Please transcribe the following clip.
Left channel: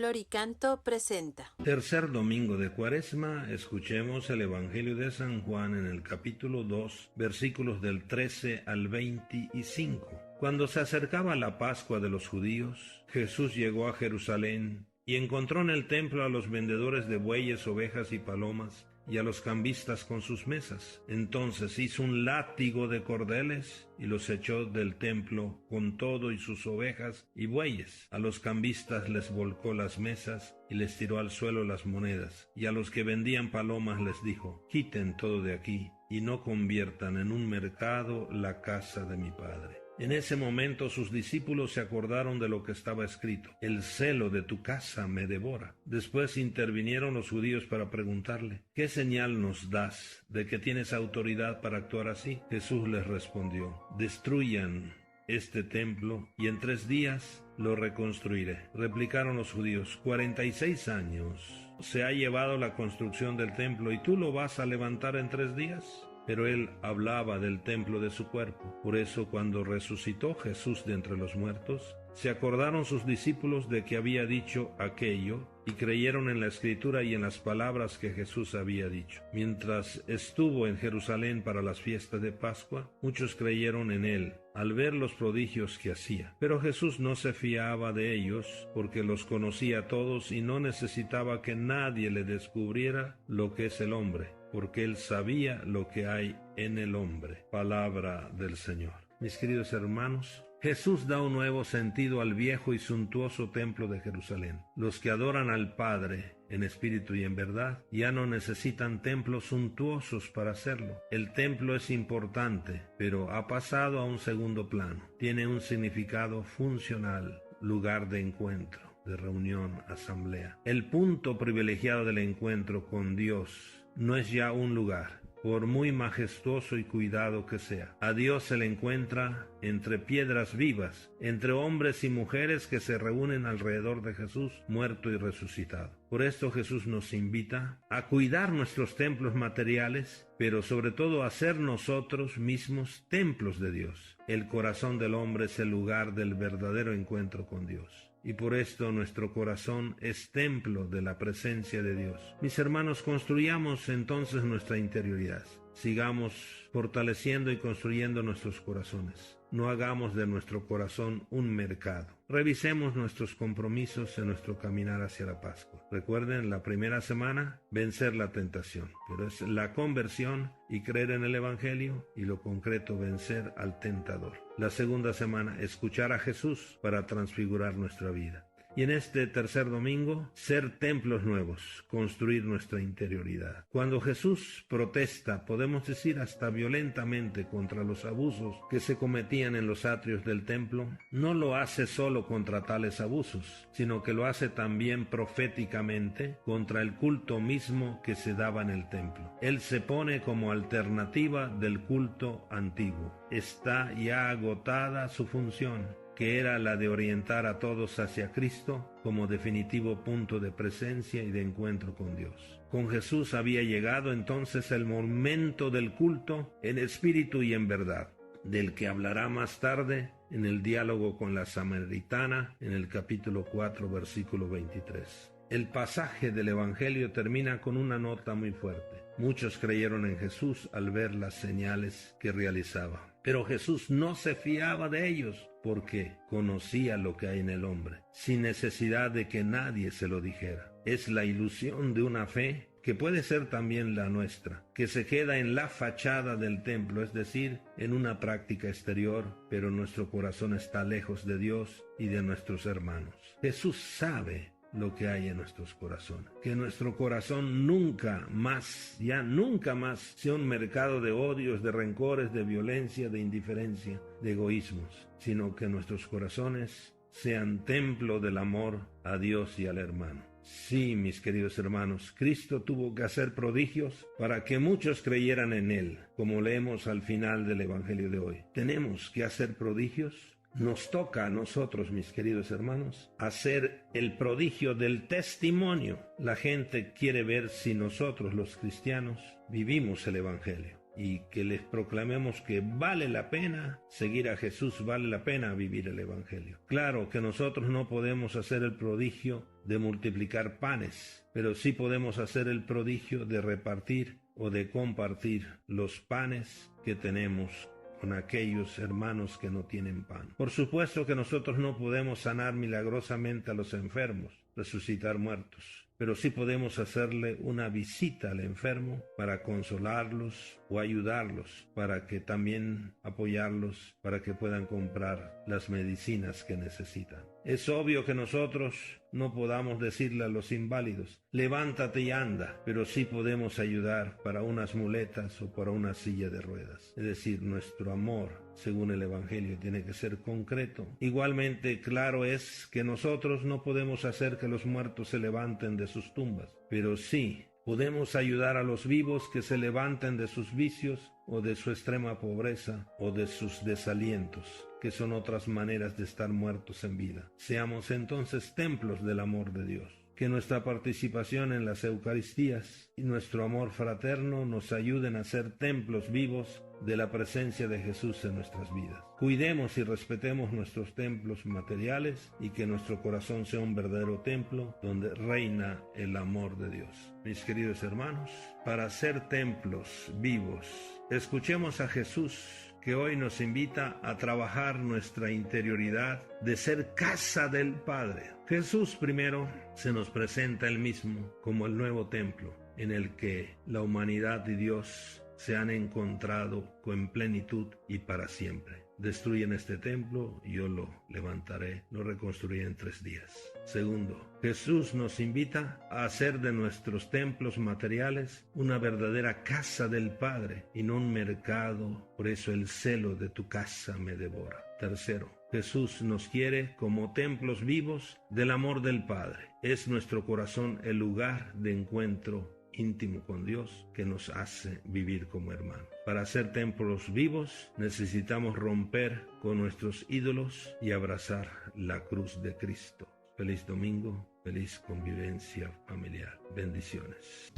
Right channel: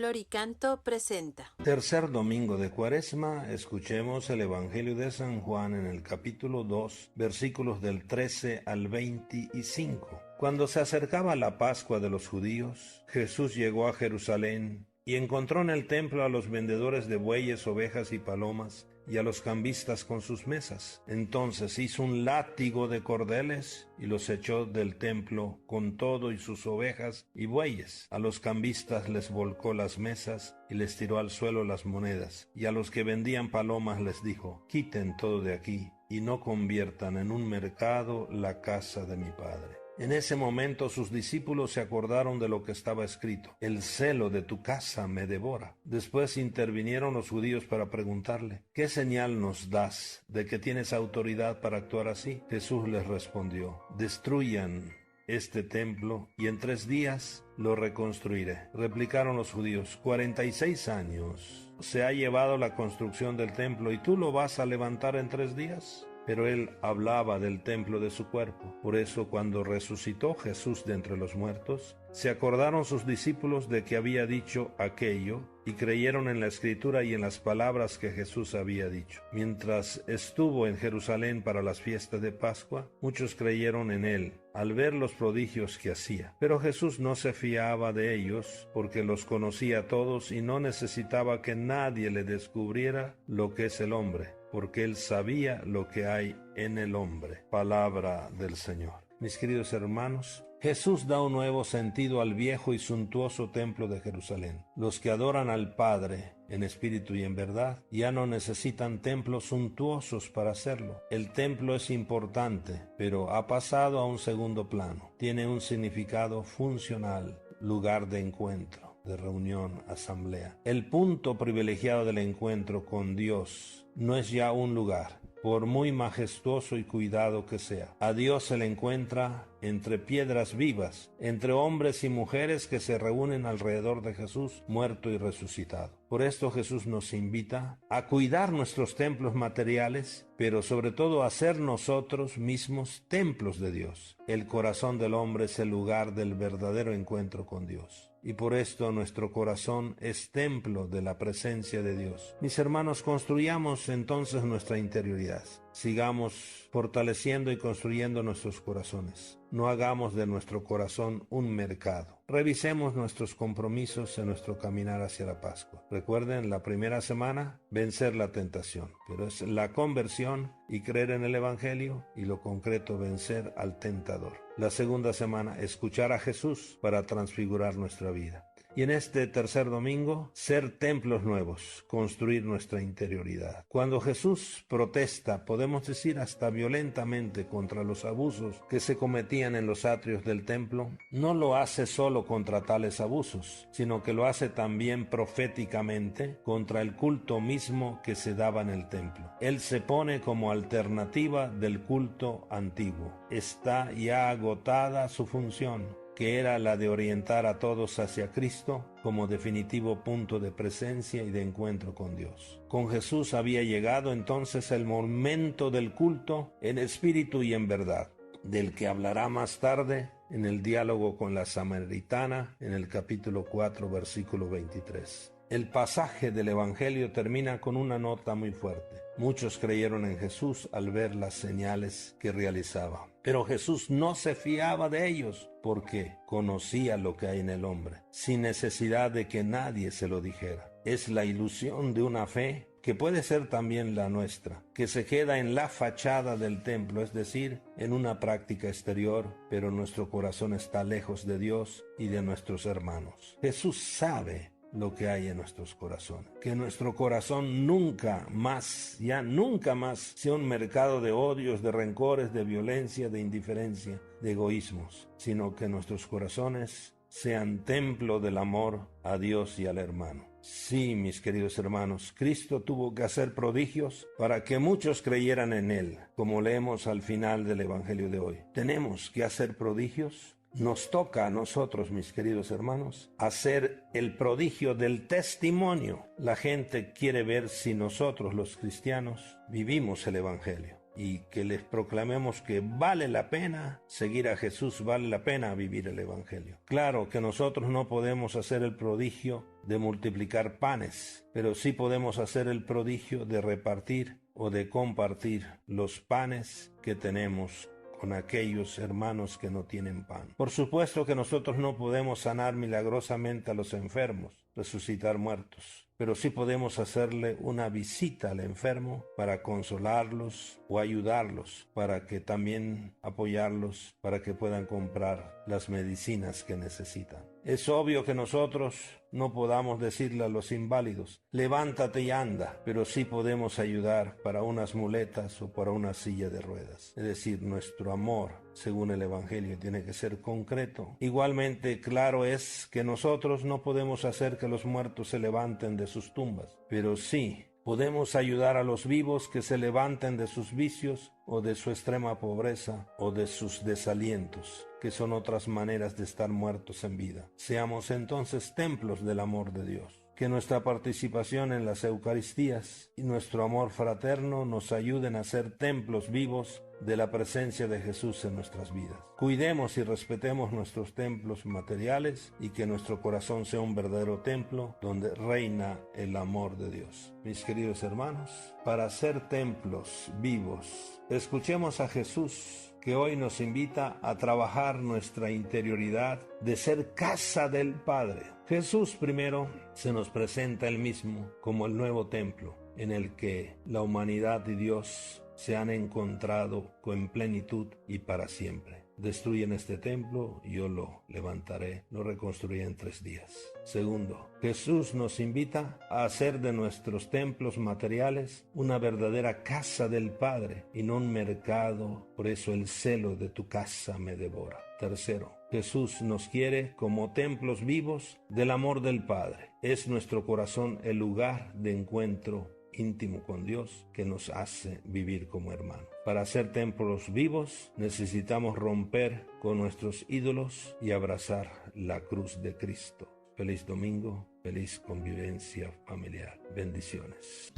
Floricanto presenta. Tercer domingo de Cuaresma, escuchemos el Evangelio de San Juan en el capítulo 2, versículos del 13 al 25. Cuando se acercaba la Pascua de los judíos, Jesús llegó a Jerusalén y encontró en el templo a los vendedores de bueyes, ovejas y palomas, y a los cambistas con sus mesas. Entonces hizo un látigo de cordeles y los echó del templo con todo y sus ovejas y bueyes. A los cambistas les volcó las mesas y les tiró al suelo las monedas. Y a los que vendían palomas les dijo: quiten todo de aquí y no conviertan en un mercado la casa de mi Padre. En ese momento sus discípulos se acordaron de lo que estaba escrito: el celo de tu casa me devora. Después intervinieron los judíos para preguntarle: ¿qué señal nos das de que tienes autoridad para actuar así? Jesús les respondió: destruyan este templo y en 3 días lo reconstruiré. Replicaron los judíos: 46 años se ha llevado la construcción del templo y tú lo vas a levantar en 3 días. Pero él hablaba del templo de su cuerpo. Por eso, cuando resucitó Jesús de entre los muertos, se acordaron sus discípulos de que había dicho aquello y creyeron en la Escritura y en las palabras que Jesús había dicho. Mientras estuvo en Jerusalén para las fiestas de Pascua, muchos creyeron en él al ver los prodigios que hacía. Pero Jesús no se fiaba de ellos porque los conocía a todos y no necesitaba que nadie le descubriera lo que es el hombre, porque él sabía lo que hay en el hombre. Palabra del Señor. Mis queridos hermanos, Jesús da un nuevo sentido al viejo y suntuoso templo de Jerusalén. Los que adoran al Padre en espíritu y en verdad ya no necesitan templos suntuosos para hacerlo. El templo es importante, pero ha pasado a un segundo plano. Tiene un significado funcional, lugar de encuentro, de reunión, asamblea. El punto privilegiado del encuentro con Dios no es ya un lugar, por muy majestuoso y cuidado que sea. A Dios se le encuentra entre piedras vivas, entre hombres y mujeres que se reúnen alrededor de Jesús, muerto y resucitado. Por esto Jesús nos invita a cuidar nuestros templos materiales, pero sobre todo a ser nosotros mismos templos de Dios. El corazón del hombre es el lugar del verdadero encuentro con Dios. Y por esto nuestro corazón es templo de la presencia de Dios. Mis hermanos, construyamos entonces nuestra interioridad. Sigamos fortaleciendo y construyendo nuestros corazones. No hagamos de nuestro corazón un mercado. Revisemos nuestros compromisos en nuestro caminar hacia la Pascua. Recuerden, la primera semana, vencer la tentación, pero es la conversión y creer en el Evangelio, y lo concreto, vencer al tentador. La segunda semana, escuchar a Jesús para transfigurar nuestra vida. Y en este tercer domingo, ser templos nuevos, construir nuestra interioridad. Cuando Jesús protesta, podemos decir hasta violentamente, contra los abusos que se cometían en los atrios del templo, no lo hace solo contra tales abusos, sino que lo hace también proféticamente contra el culto mismo que se daba en el templo. Él se pone como alternativa del culto antiguo. Está ya agotada su función, que era la de orientar a todos hacia Cristo como definitivo punto de presencia y de encuentro con Dios. Con Jesús había llegado entonces el momento del culto en espíritu y en verdad, del que hablará más tarde en el diálogo con la samaritana en el capítulo 4, versículo 23. El pasaje del Evangelio termina con una nota muy fuerte. Muchos creyeron en Jesús al ver las señales que realizaba. Pero Jesús no se fiaba de ellos porque conocía lo que hay en el hombre, sin necesidad de que nadie se lo dijera. Es la ilusión de una fe que puede ser también la nuestra, que se queda en la fachada del templo, es decir, en una práctica exterior, pero nuestro corazón está lejos de Dios y de nuestros hermanos. Jesús sabe lo que hay en nuestros corazones. Que nuestro corazón nunca más sea un mercado de odios, de rencores, de violencia, de indiferencia, de egoísmos, sino que nuestros corazones sean templo del amor a Dios y al hermano. Sí, mis queridos hermanos, Cristo tuvo que hacer prodigios para que muchos creyeran en Él, como leemos al final del Evangelio de hoy. ¿Tenemos que hacer prodigios? Nos toca a nosotros, mis queridos hermanos, hacer el prodigio del testimonio. La gente quiere ver si nosotros, los cristianos, vivimos el Evangelio. y que les proclamemos que vale la pena seguir a Jesús, vale la pena vivir el Evangelio. Claro que nosotros no podemos hacer el prodigio de multiplicar panes, pero sí podemos hacer el prodigio de repartir o de compartir los panes que tenemos con aquellos hermanos que no tienen pan. Por supuesto que nosotros no podemos sanar milagrosamente a los enfermos, resucitar muertos, pero sí podemos hacerle una visita al enfermo para consolarlos o ayudarlos, para que también apoyarlos, para que puedan comprar las medicinas que necesitan. Es obvio que nosotros no podamos decirle a los inválidos, levántate y anda, pero sí podemos ayudar para unas muletas o para una silla de ruedas. Es decir, nuestro amor, según el Evangelio, tiene que ser concreto. Igualmente, claro es que nosotros no podemos hacer que los muertos se levanten de sus tumbas, pero sí podemos ayudar a los vivos que se levanten de sus vicios o de su extrema pobreza o de sus desalientos, que son otras maneras de estar muertos en vida. Seamos entonces templos del amor de Dios. Que nuestra participación en las Eucaristías y nuestro amor fraterno nos ayuden a ser templos vivos de la presencia de Jesús en nuestras vidas. Cuidemos y respetemos nuestros templos materiales y que nuestro corazón sea un verdadero templo donde reina el amor de Dios. Mis queridos hermanos, para ser templos vivos, escuchemos a Jesús, que hoy nos invita a trabajar nuestra interioridad de ser casa del Padre. Jesús primero se nos presenta él mismo como el nuevo templo en el que la humanidad y Dios se han encontrado con plenitud y para siempre. Destruyen este templo, yo lo levantaré, lo reconstruiré en 3 días. Segundo, Jesús nos invita a hacer de nuestros templos materiales una verdadera casa del Padre y no un mercado, por eso el celo de tu casa me devora. Tercero, Jesús nos quiere como templos vivos del amor del Padre. Es nuestro corazón el lugar de encuentro íntimo con Dios que nos hace vivir como hermanos. Para ser templos vivos necesitamos romper con nuestros ídolos y abrazar la cruz de Cristo. Feliz domingo, feliz convivencia familiar. Bendiciones.